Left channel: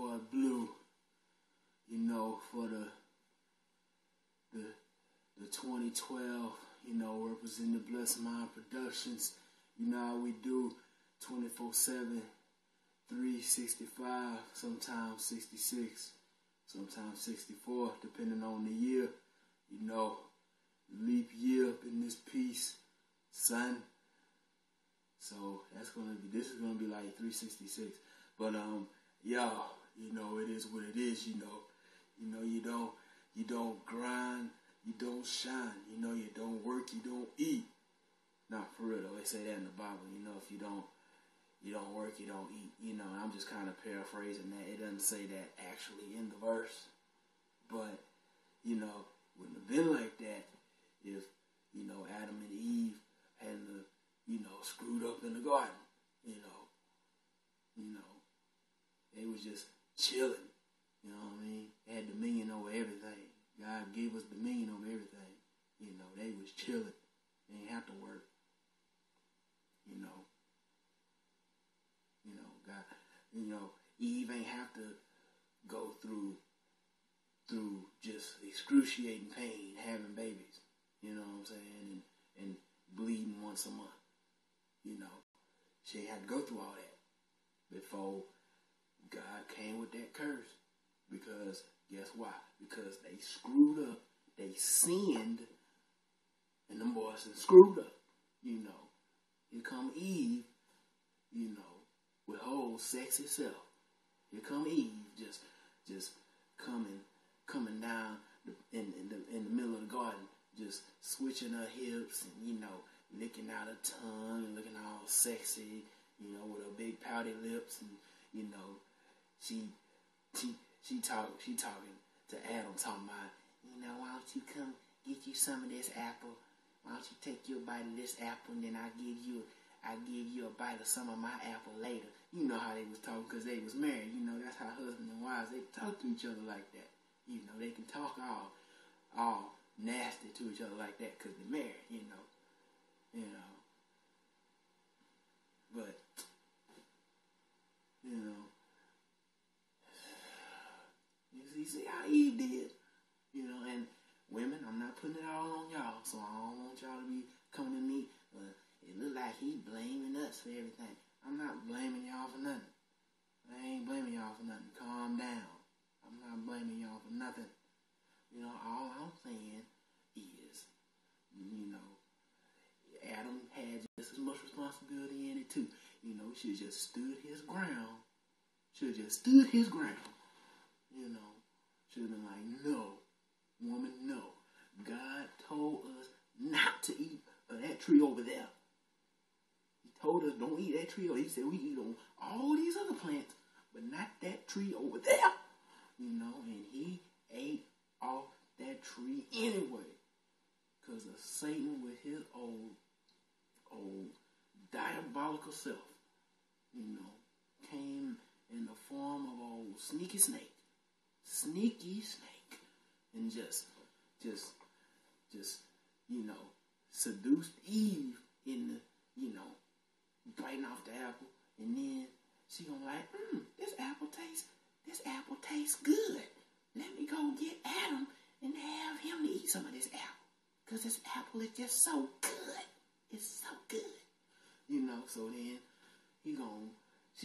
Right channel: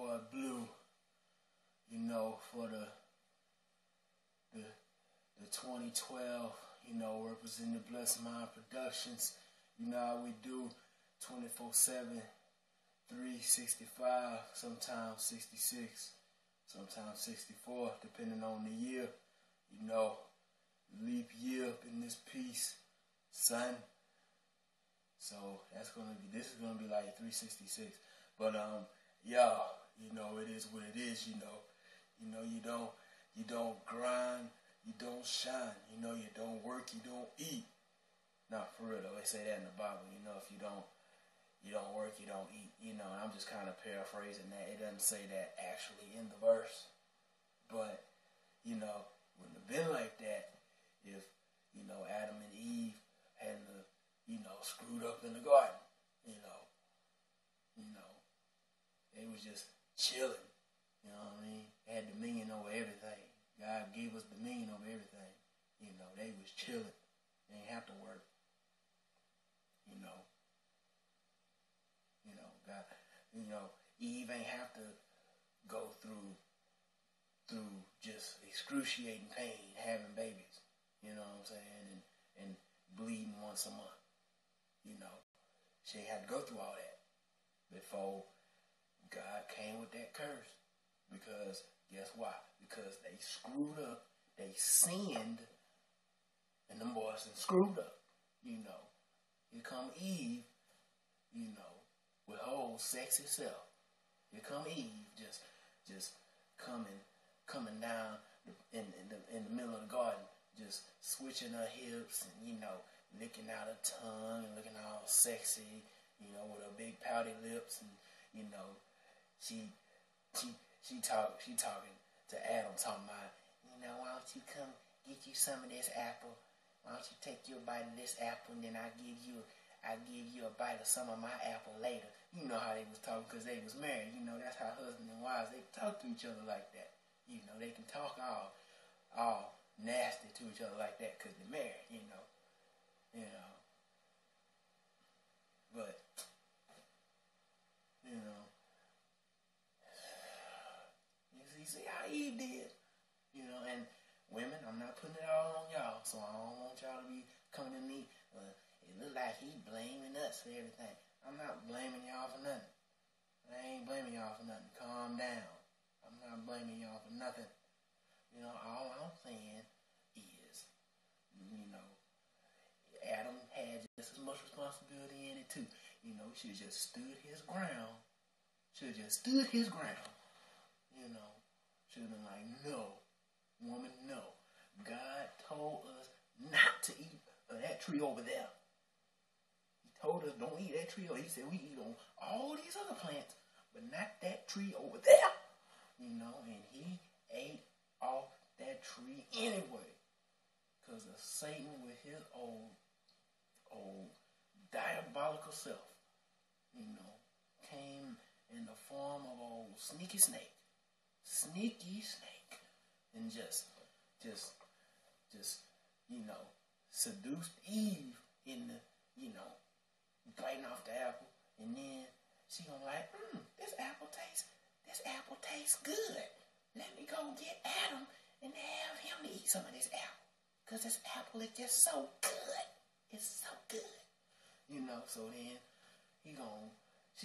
boy Blue, for the 2012, representing Blessed Mind Productions. You know how we do 24/7, 365, sometimes 66, sometimes 64, depending on the year. Leap year up in this piece, son. So this is gonna be like 366. But y'all, it is what it is. You don't grind, you don't shine. You don't work, you don't eat. Not for real though. They say that in the Bible. If you don't work, you don't eat. And I'm just kind of paraphrasing that. It doesn't say that actually in the verse, but wouldn't have been like that if Adam and Eve hadn't screwed up in the garden. They was just chilling. You know what I mean? They had dominion over everything. God gave us dominion over everything. They was chilling. They ain't have to work. God, Eve ain't have to go through just excruciating pain having babies. You know what I'm saying? And bleeding once a month. She ain't had to go through all that before God came with that curse. Because guess why? Because they screwed up. They sinned. And them boys done screwed up. Here come Eve, with her old sexy self. Here come Eve, just coming down in the middle of the garden, just switching her hips and licking out her tongue and looking all sexy, with her big pouty lips, and she talking to Adam, talking about, why don't you come get you some of this apple? Why don't you take your bite of this apple, and then I give you a bite of some of my apple later. You know how they was talking because they was married. That's how husbands and wives, they talk to each other like that. They can talk all nasty to each other like that because they're married. But you see how Eve did. And women, I'm not putting it all on y'all, so I don't want y'all to be coming to me. It look like he blaming us for everything. I'm not blaming y'all for nothing. I ain't blaming y'all for nothing. Calm down. I'm not blaming y'all for nothing. All I'm saying is, Adam had just as much responsibility in it too. He should have just stood his ground. Should have just stood his ground. Should have been like, no, woman, no. God told us not to eat of that tree over there. He told us don't eat that tree. He said we eat on all these other plants, but not that tree over there. And he ate off that tree anyway. Because of Satan with his old diabolical self, came in the form of old sneaky snake, and just seduced Eve in the, biting off the apple, and then she gonna like, this apple tastes good. Let me go get Adam and have him to eat some of this apple, cause this apple is just so good. It's so good, So then she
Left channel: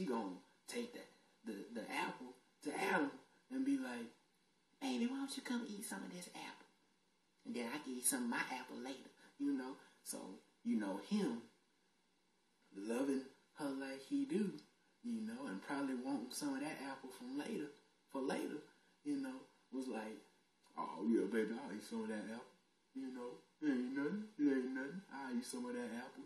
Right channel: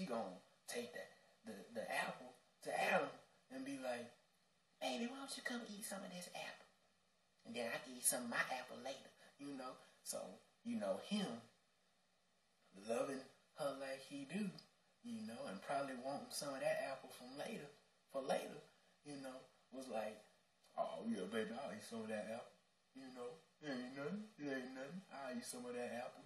gonna take the apple to Adam and be like, baby, why don't you come eat some of this apple? And then I can eat some of my apple later, So, him loving her like he do, and probably wanting some of that apple for later, was like, oh yeah, baby, I'll eat some of that apple. It ain't nothing. I'll eat some of that apple.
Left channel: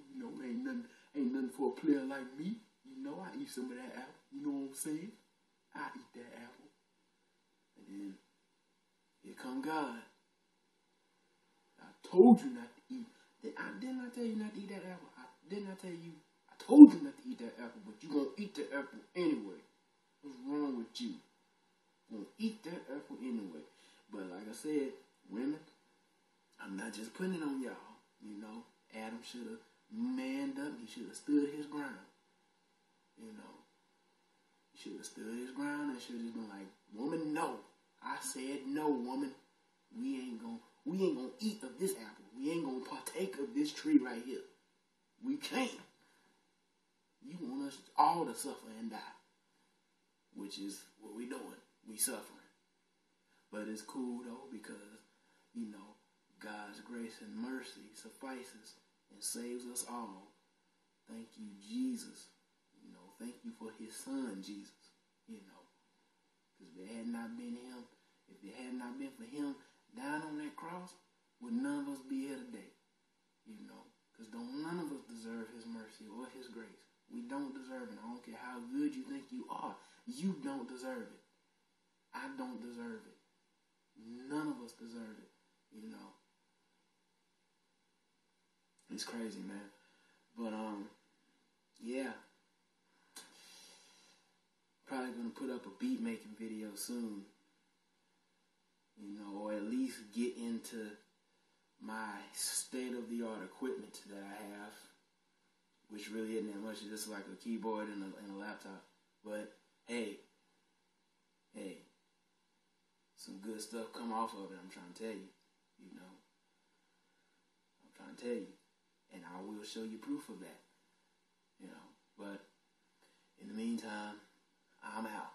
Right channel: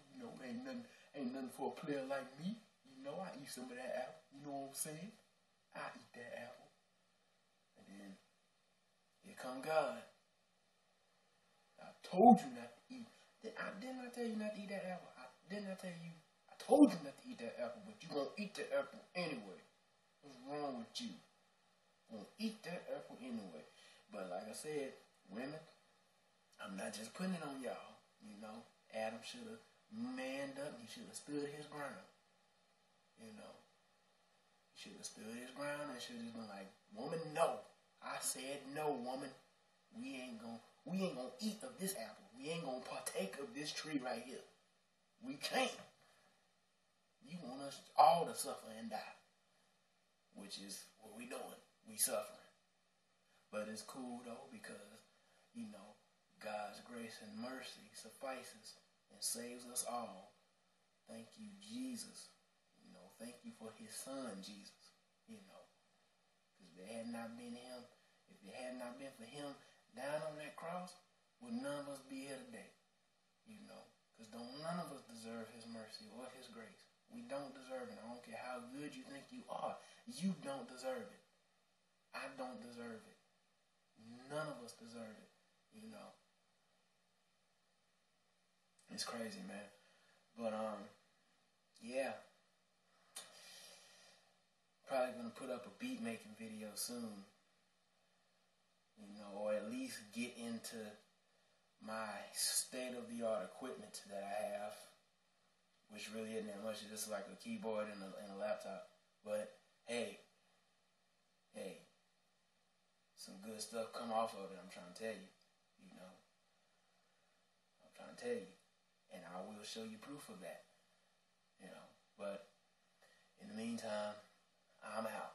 Ain't nothing for a player like me. I eat some of that apple. You know what I'm saying? I eat that apple. And then here come God. I told you not to eat. Didn't I tell you not to eat that apple? Didn't I tell you? I told you not to eat that apple, but you gonna eat that apple anyway. What's wrong with you? You gonna eat that apple anyway. But like I said, women, I'm not just putting it on y'all. Adam should have manned up. He should have stood his ground. He should have stood his ground and should have just been like, woman, no. I said no, woman. We ain't gonna eat of this apple. We ain't gonna partake of this tree right here. We can't. You want us all to suffer and die, which is what we doing. We suffering. But it's cool though, because, you know, God's grace and mercy suffices and saves us all. Thank you, Jesus. You know, thank you for his son, Jesus. You know, because if it had not been him, if it had not been for him down on that cross, would none of us be here today? You know, because none of us deserve his mercy or his grace. We don't deserve it. I don't care how good you think you are. You don't deserve it. I don't deserve it. None of us deserve it. You know. It's crazy, man. But, yeah. Probably going to put up a beat making video soon. You know, or at least get into my state-of-the-art equipment that I have, which really isn't that much. It's just like a keyboard and a laptop. But, hey, some good stuff come off of it, I'm trying to tell you. You know, I'm trying to tell you. And I will show you proof of that. You know, but in the meantime, I'm out.